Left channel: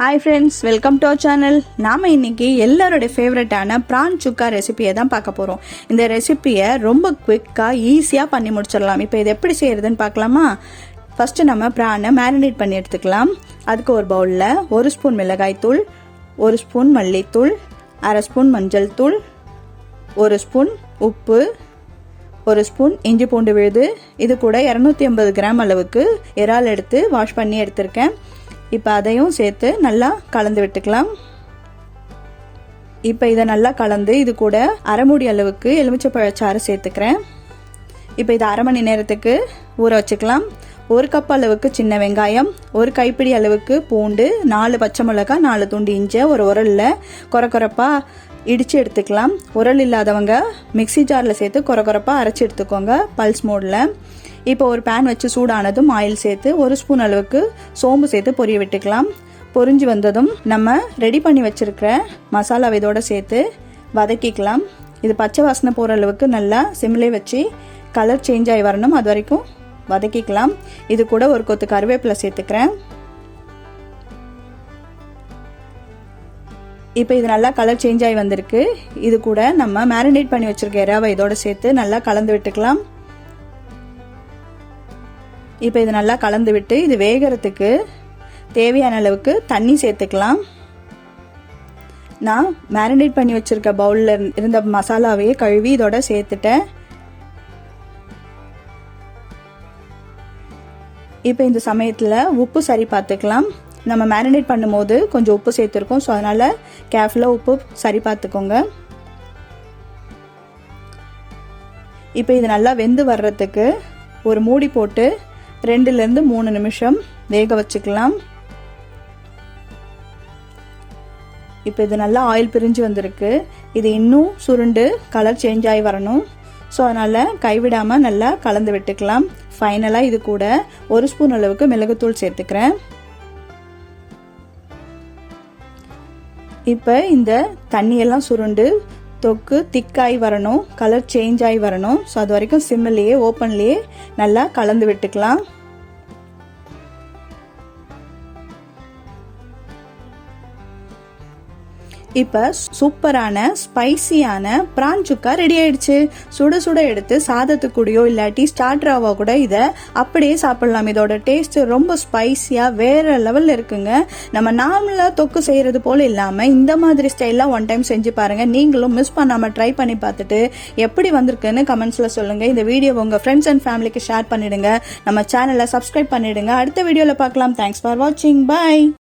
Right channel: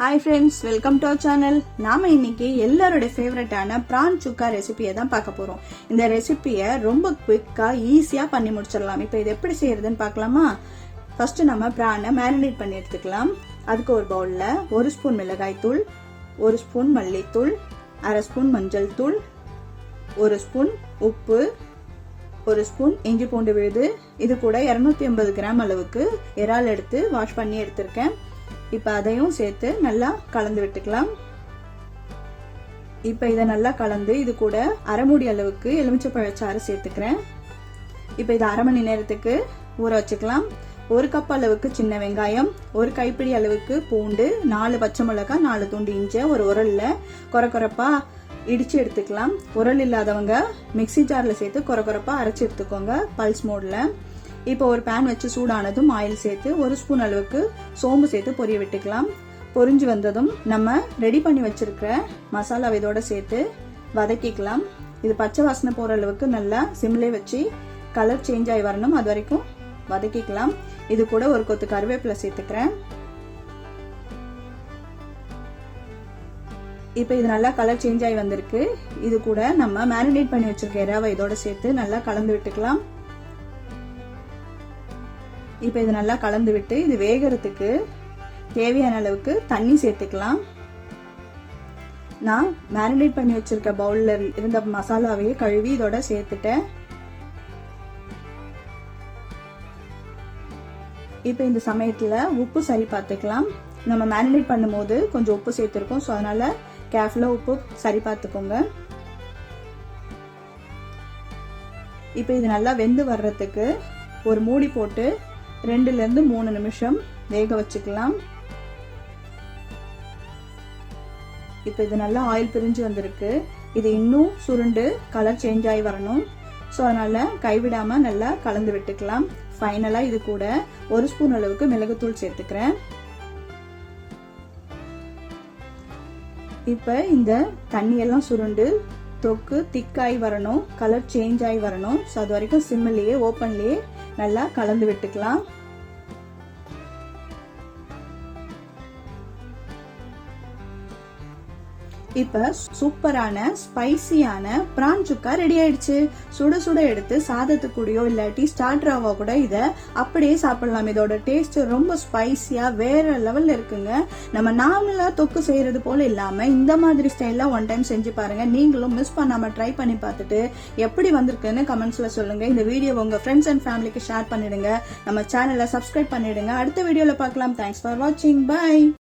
Hi friends, welcome to our channel. நாம் இன்றைக்கி எல்லாரோட ஃபேவரட்டான ப்ரான் சுக்கா ரெசிபியை தான் பார்க்க போகிறோம். இந்த ரெசிப்பியை ரொம்ப குவிக்காக ஈஸியாக பண்ணி முடிச்சிடலாம். இப்போ இது எப்படி செய்கிறதுன்னு பார்க்கலாமா? ஃபஸ்ட்டு நம்ம ப்ரானை மேரினேட் பண்ணி எடுத்துக்கலாம். அதுக்கு ஒரு பவுலில் 1 ஸ்பூன் மிளகாய்த்தூள், 1 ஸ்பூன் மல்லித்தூள், 1/2 ஸ்பூன் மஞ்சள் தூள், 1 ஸ்பூன் உப்பு, 1 ஸ்பூன் இஞ்சி பூண்டு விழுது, இது கூட 250 கிராம் அளவுக்கு இறால் எடுத்து வாஷ் பண்ணி எடுத்திருக்கேன். இப்போ அதையும் சேர்த்து நல்லா கலந்து விட்டுக்கலாம். இப்போ இதை நல்லா கலந்து இது கூட அரை மூடி அளவுக்கு எலுமிச்சைப்பழச்சாறு சேர்த்துக்கிறேன். இப்போ இதை அரை மணி நேரத்துக்கு ஊற வச்சுக்கலாம். 1 கப் அளவுக்கு சின்ன வெங்காயம், 1 கைப்பிடி அளவுக்கு பூண்டு, 4 பச்சை மிளகாய், 4 துண்டு இஞ்சி ஒரு உரலில் கொரப்பாக இடித்து எடுத்துக்கலாம். உரல் இல்லாதவங்க மிக்சி ஜாரில் சேர்த்து கொரப்பாக அரைச்சி எடுத்துக்கோங்க பல்ஸ் மோடில். இப்போ ஒரு பேன் வச்சு சூடானதும் ஆயில் சேர்த்து 1 ஸ்பூன் அளவுக்கு சோம்பு சேர்த்து பொரிய விட்டுக்கலாம். பொரிஞ்சு வந்ததும் நம்ம ரெடி பண்ணி வச்சுருக்கிற மசாலாவை இதோட சேர்த்து வதக்கிக்கலாம். இது பச்சை வாசனை போகிற அளவுக்கு நல்லா சிம்லே வச்சு கலர் சேஞ்ச் ஆகி வரணும், அது வரைக்கும் வதக்கிக்கலாம். இது கூட ஒரு கொத்து கருவேப்பிலை சேர்த்துக்கிறேன். இப்போ இது நல்லா கலர் சேஞ்ச் ஆகி வந்திருக்கு. இது கூட நம்ம மேரினேட் பண்ணி வச்சுருக்க இறாவை இதோட சேர்த்து நல்லா கலந்து விட்டுக்கலாம். இப்போ இது நல்லா கலந்து விட்டு இது வேகிறதுக்கு தேவையான அளவுக்கு தண்ணி சேர்த்துக்கலாம். நான் மேரினேட் பண்ணி வச்சுருக்க பவுலில் இருந்த மசாலாவையே கழுவி இதோட சேர்த்துட்டேன். இப்போ இந்த சமயத்தில் உப்பு சரி பார்த்துக்கலாம். நம்ம மேரினேட் பண்ணும்போது கொஞ்சம் உப்பு சேர்த்துருக்கோம், ஸோ அதனால் கேர்ஃபுல்லாக உப்பு சரி பார்த்துக்கோங்க. இப்போ இது நல்லா வெந்து வர்றதுக்கு ஒரு மூடி போட்டு 2லேருந்து 3 நிமிஷம் வேக வச்சுக்கலாம். இப்போ இது நல்லா ஆயில் பிரிஞ்சு வந்திருக்கு. இது இன்னும் சுருண்டு கலர் சேஞ்ச் ஆகி வரணும், ஸோ அதனால் கைவிடாமல் நல்லா கலந்து விட்டுக்கலாம். ஃபைனலாக இது கூட 1 ஸ்பூன் அளவுக்கு மிளகுத்தூள் சேர்த்துக்கிறேன். இப்போ இந்த தண்ணியெல்லாம் சுருண்டு தொக்கு திக்காகி வரணும், கலர் சேஞ்ச் ஆகி வரணும். ஸோ அது வரைக்கும் சிம்மிலேயே ஓப்பன்லேயே நல்லா கலந்து விட்டுக்கலாம். இப்போ சூப்பரான ஸ்பைசியான பிரான் சுக்கா ரெடி ஆயிடுச்சு. சுட சுட எடுத்து சாதத்துக்கூடயோ இல்லாட்டி ஸ்டார்டராவோ கூட இதை அப்படியே சாப்பிடலாம். இதோட டேஸ்ட் ரொம்ப ஸ்பைசியாக வேற லெவலில் இருக்குங்க. நம்ம நார்மலாக தொக்கு செய்கிறது போல் இல்லாமல் இந்த மாதிரி ஸ்டைலாக 1 டைம் செஞ்சு பாருங்கள். நீங்களும் மிஸ் பண்ணாமல் ட்ரை பண்ணி பார்த்துட்டு எப்படி வந்திருக்குன்னு கமெண்ட்ஸில் சொல்லுங்கள். இந்த வீடியோ உங்கள் ஃப்ரெண்ட்ஸ் அண்ட் ஃபேமிலிக்கு ஷேர் பண்ணிடுங்க. நம்ம சேனலை சப்ஸ்கிரைப் பண்ணிடுங்க. அடுத்த வீடியோவில் பார்க்கலாம். தேங்க்ஸ் ஃபார் வாட்சிங். பாய்.